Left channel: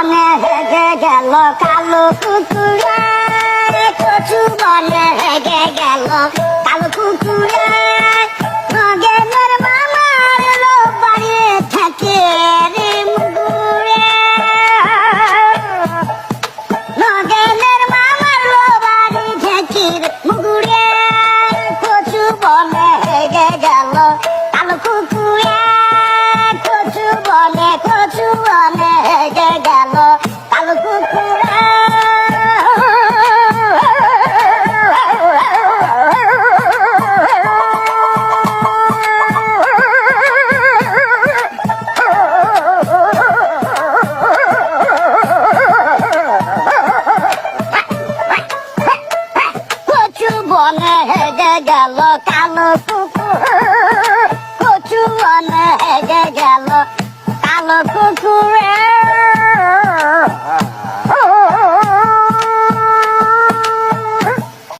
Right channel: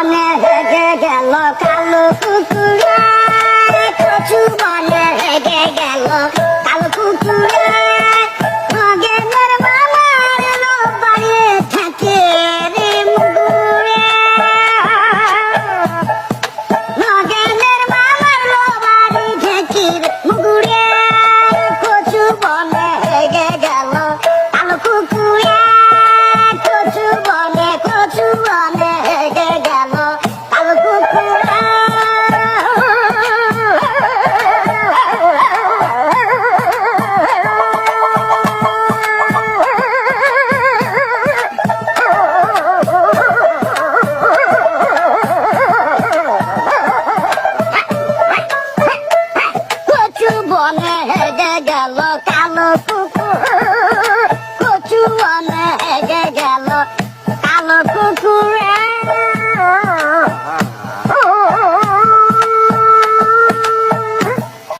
বনে হেগে গেল কালো কুকুরে, কচু বনে হেগে গেল কালো কুকুরে। নগেনের মামার লো বাড়ি থাকে রে মুগুরে, নগেনের মামার লো বাড়ি থাকে রে মুগুরে। কচু বনে হেগে গেল কালো কুকুরে, কচু বনে হেগে গেল কালো কুকুরে। কচু বনে হেগে গেল কালো কুকুর, কচু বনে হেগে গেল